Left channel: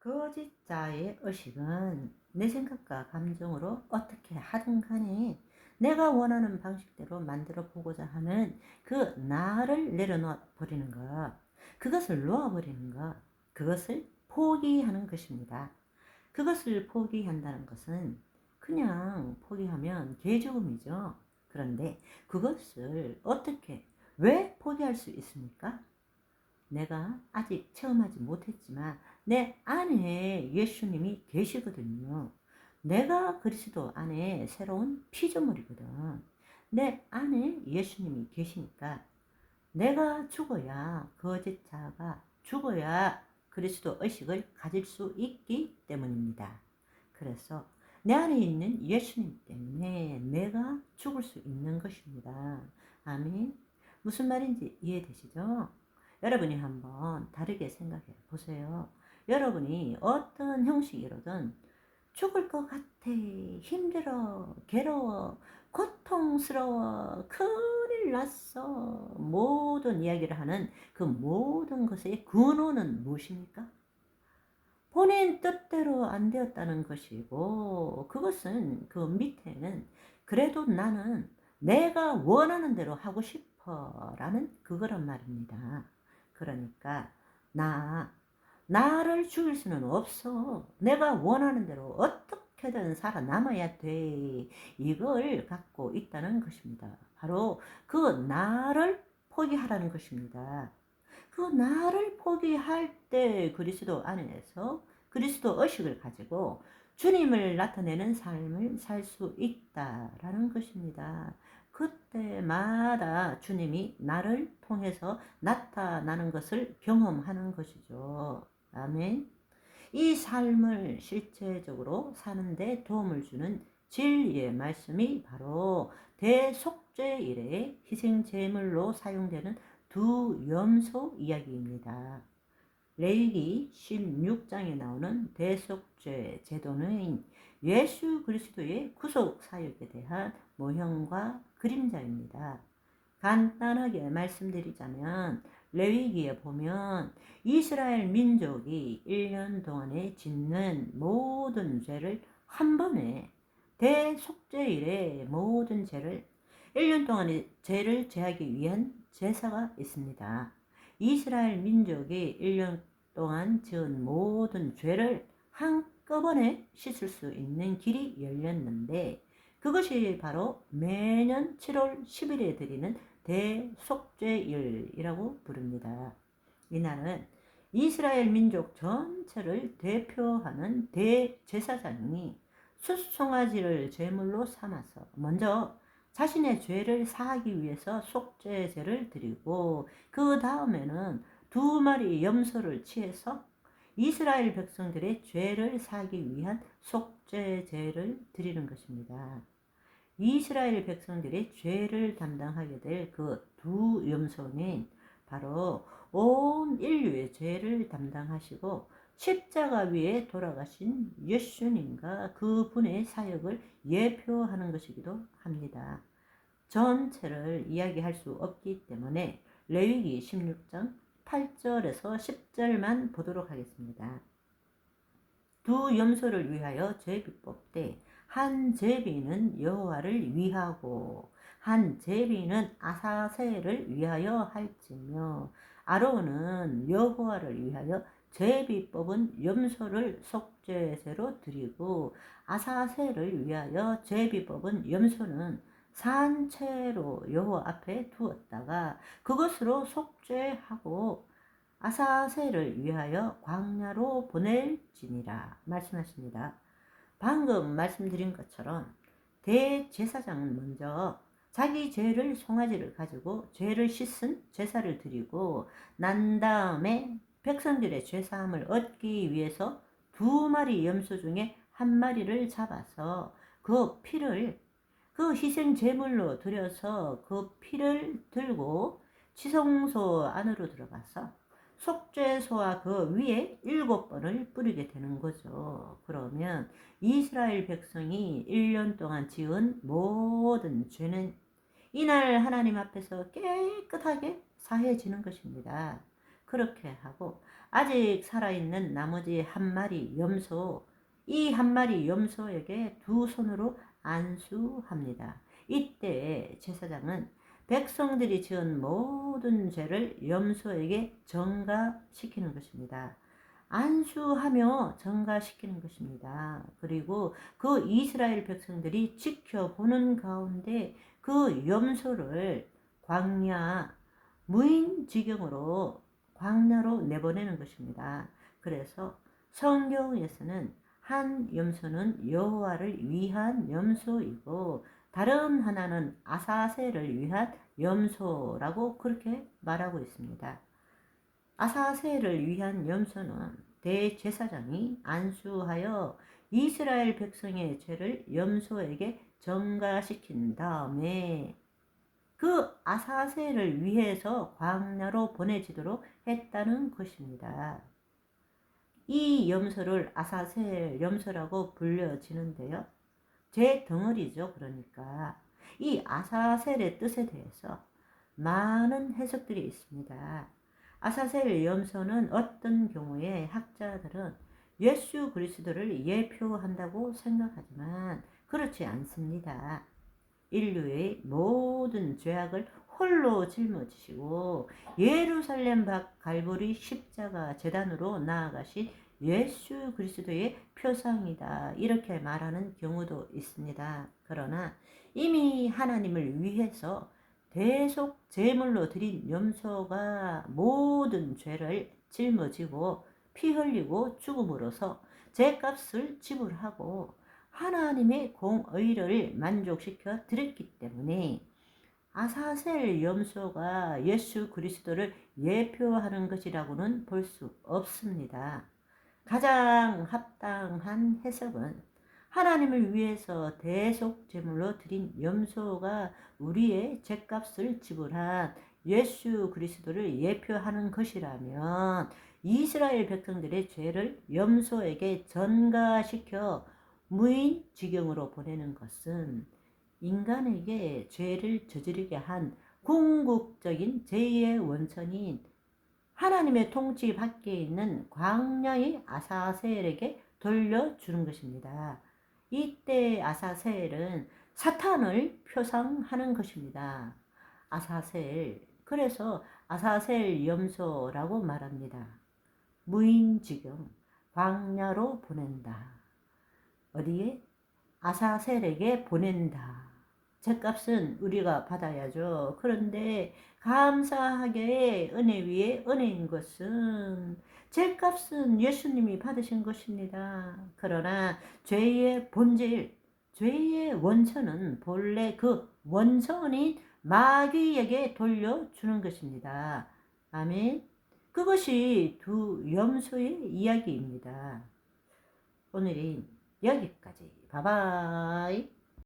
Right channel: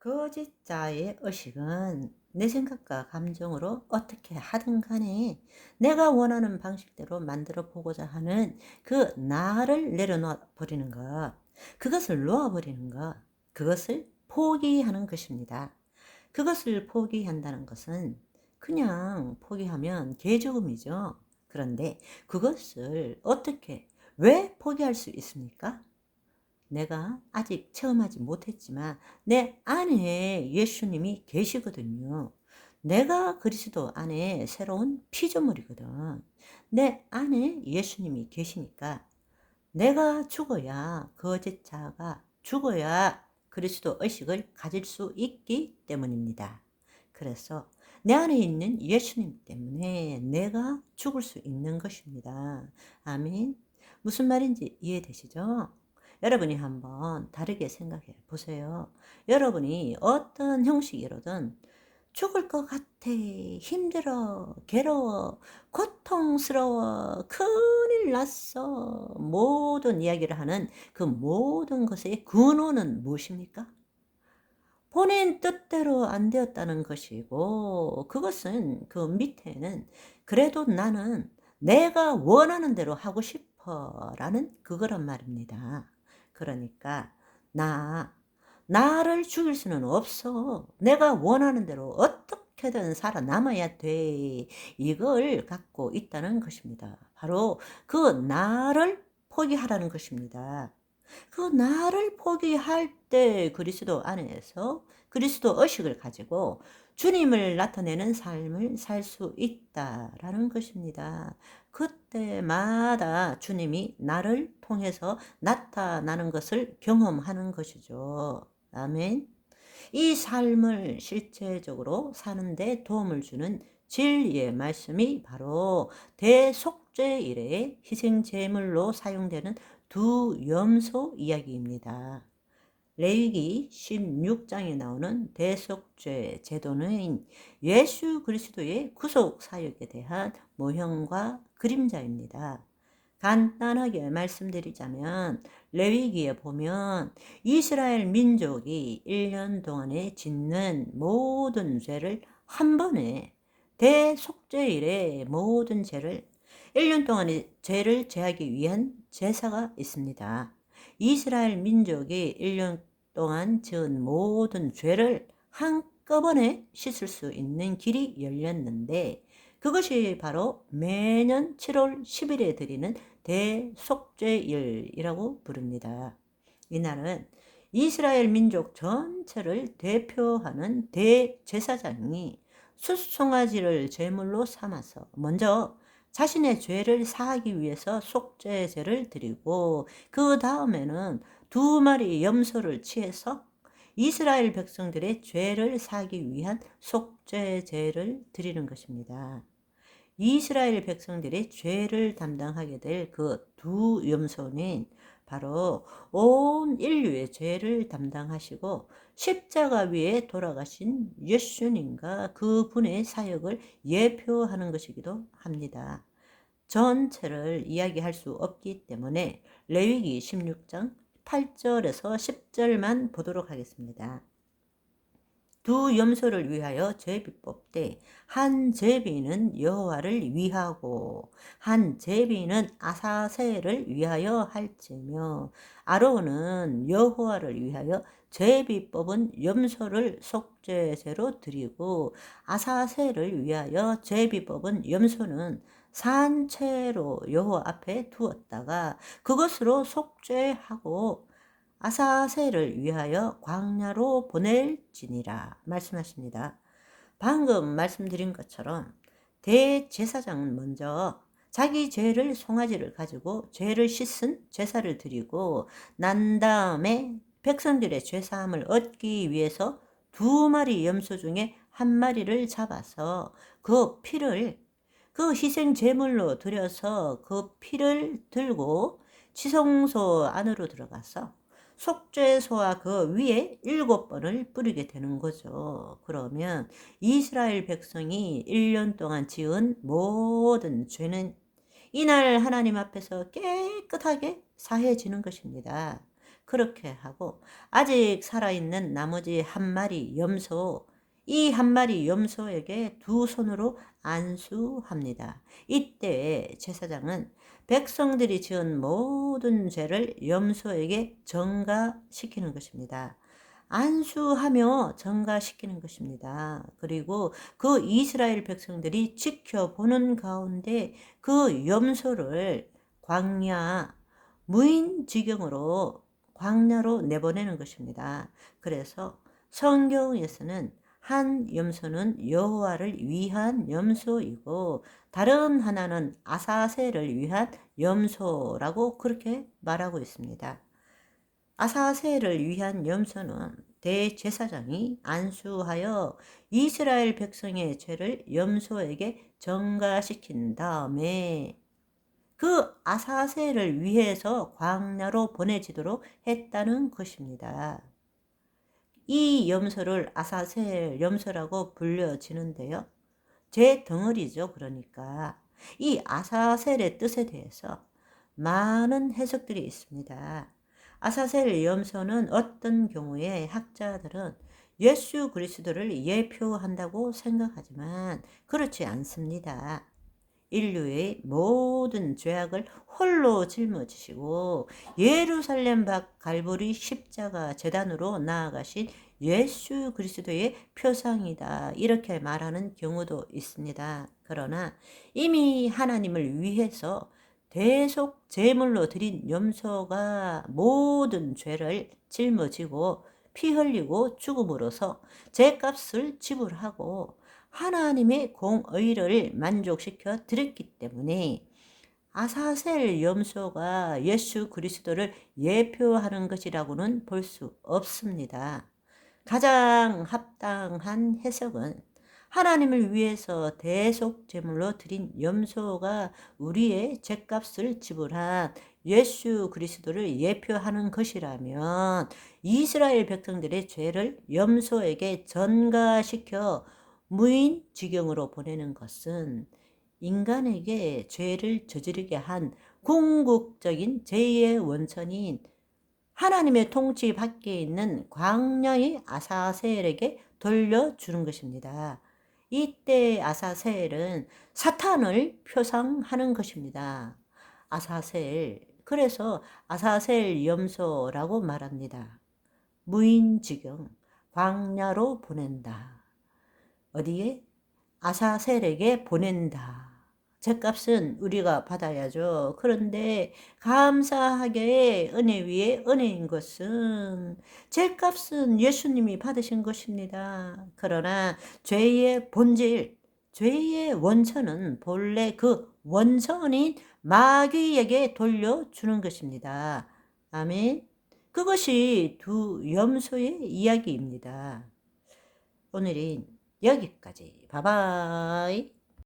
거짓 자의 의식은 내 생각과 감정으로 어떻게 하든 간에 내가 원하는 방식대로 만들어 보고자 하는 그 나를 내려놔 버리는 것, 그것을 놓아 버리는 것, 그것을 포기하는 것입니다. 그것을 포기한다는 것은 그냥 포기하면 개죽음이죠. 그런데 그것을 어떻게, 왜 포기할 수 있습니까? 내가 아직 체험하지 못했지만 내 안에 예수님이 계시거든요. 내가 그리스도 안에 새로운 피조물이거든. 내 안에 예수님이 계시니까 내가 죽어야 거짓 자가 죽어야 그리스도 의식을 가질 수 있기 때문입니다. 그래서 내 안에 있는 예수님 때문에 내가 죽을 수 있는 것입니다. 아멘. 무슨 말인지 이해되시죠? 여러분이 한번 다르게 생각해 보세요. 여러분이 어떤 형식이로든 죽을 것 같아, 힘들어, 괴로워, 고통스러워, 큰일 났어, 모든 이야기를 하는 그 모든 것의 근원은 무엇입니까? 본인 뜻대로 안 되었다는 것이고, 그것은 그 밑에는 그래도 나는 내가 원하는 대로 하고 싶어 라는 그거란 말입니다. 그러니까 나 나를 죽일 수는 없어. 내가 원하는 대로 어떻게든 살아남아야 돼. 이걸 갖고 있다는 것입니다. 바로 그 나를 포기하라는 것입니다. 그 나를 포기할 때 그리스도 안에서 그리스도 의식을 가지고 주님을 나타내는 삶을 살 수 있다라는 것입니다. 그때마다 주님이 나를 통해서 나타나는 것을 경험하는 것이죠. 아멘. 이 삶을 실체적으로 사는데 도움을 주는 진리의 말씀이 바로 대속죄일의 희생제물로 사용되는 두 염소 이야기입니다. 레위기 16장에 나오는 대속죄 제도는 예수 그리스도의 구속 사역에 대한 모형과 그림자입니다. 간단하게 말씀드리자면 레위기에 보면 이스라엘 민족이 1년 동안에 짓는 모든 죄를 한 번에 대속죄일에 모든 죄를 1년 동안의 죄를 제하기 위한 제사가 있습니다. 이스라엘 민족이 1년 동안 지은 모든 죄를 한꺼번에 씻을 수 있는 길이 열렸는데 그것이 바로 매년 7월 10일에 드리는 대속죄일이라고 부릅니다. 이날은 이스라엘 민족 전체를 대표하는 대제사장이 숫송아지를 제물로 삼아서 먼저 자신의 죄를 사하기 위해서 속죄제를 드리고 그 다음에는 두 마리 염소를 취해서 이스라엘 백성들의 죄를 사기 위한 속죄제를 드리는 것입니다. 이스라엘 백성들의 죄를 담당하게 될 그 두 염소는 바로 온 인류의 죄를 담당하시고 십자가 위에 돌아가신 예수님과 그분의 사역을 예표하는 것이기도 합니다. 전체를 이야기할 수 없기 때문에 레위기 16장 8절에서 10절만 보도록 하겠습니다. 두 염소를 위하여 제비법 때한 제비는 여호와를 위하고 한 제비는 아사셀을 위하여 할지며 아론은 여호와를 위하여 제비법은 염소를 속죄제로 드리고 아사셀을 위하여 제비법은 염소는 산채로 여호와 앞에 두었다가 그것으로 속죄하고 아사셀을 위하여 광야로 보낼지니라 말씀하십니다. 방금 말씀드린 것처럼 대제사장은 먼저 자기 죄를 송아지를 가지고 죄를 씻은 제사를 드리고 난 다음에 백성들의 죄사함을 얻기 위해서 두 마리 염소 중에 한 마리를 잡아서 그 피를 그 희생 제물로 들여서 그 피를 들고 지성소 안으로 들어가서 속죄소와 그 위에 일곱 번을 뿌리게 되는 거죠. 그러면 이스라엘 백성이 1년 동안 지은 모든 죄는 이날 하나님 앞에서 깨끗하게 사해지는 것입니다. 그렇게 하고 아직 살아있는 나머지 한 마리 염소 이 한 마리 염소에게 두 손으로 안수합니다. 이때 제사장은 백성들이 지은 모든 죄를 염소에게 전가시키는 것입니다. 안수하며 전가시키는 것입니다. 그리고 그 이스라엘 백성들이 지켜보는 가운데 그 염소를 광야 무인 지경으로 광야로 내보내는 것입니다. 그래서 성경에서는 한 염소는 여호와를 위한 염소이고 다른 하나는 아사셀을 위한 염소라고 그렇게 말하고 있습니다. 아사셀을 위한 염소는 대제사장이 안수하여 이스라엘 백성의 죄를 염소에게 전가시킨 다음에 그 아사셀을 위해서 광야로 보내지도록 했다는 것입니다. 이 염소를 아사셀 염소라고 불려지는데요. 제 덩어리죠. 그러니까 이 아사셀의 뜻에 대해서 많은 해석들이 있습니다. 아사셀 염소는 어떤 경우에 학자들은 예수 그리스도를 예표한다고 생각하지만 그렇지 않습니다. 인류의 모든 죄악을 홀로 짊어지시고 예루살렘 밖 갈보리 십자가 재단으로 나아가신 예수 그리스도의 표상이다. 이렇게 말하는 경우도 있습니다. 그러나 이미 하나님을 위해서 대속 제물로 드린 염소가 모든 죄를 짊어지고 피 흘리고 죽음으로써 죄값을 지불하고 하나님의 공의를 만족시켜 드렸기 때문에 아사셀 염소가 예수 그리스도를 예표하는 것이라고는 볼 수 없습니다. 가장 합당한 해석은 하나님을 위해서 대속 제물로 드린 염소가 우리의 죄값을 지불한 예수 그리스도를 예표하는 것이라면 이스라엘 백성들의 죄를 염소에게 전가시켜 무인 지경으로 보내는 것은 인간에게 죄를 저지르게 한 궁극적인 죄의 원천인 하나님의 통치 밖에 있는 광야의 아사셀에게 돌려주는 것입니다. 이때 아사셀은 사탄을 표상하는 것입니다. 아사셀. 그래서 아사셀 염소라고 말합니다. 무인지경, 광야로 보낸다. 어디에? 아사셀에게 보낸다. 죄값은 우리가 받아야죠. 그런데 감사하게 은혜 위에 은혜인 것은 죄값은 예수님이 받으신 것입니다. 그러나 죄의 본질, 죄의 원천은 본래 그 원천인 마귀에게 돌려주는 것입니다. 아멘. 그것이 두 염소의 이야기입니다. 오늘은 여기까지. 바바이.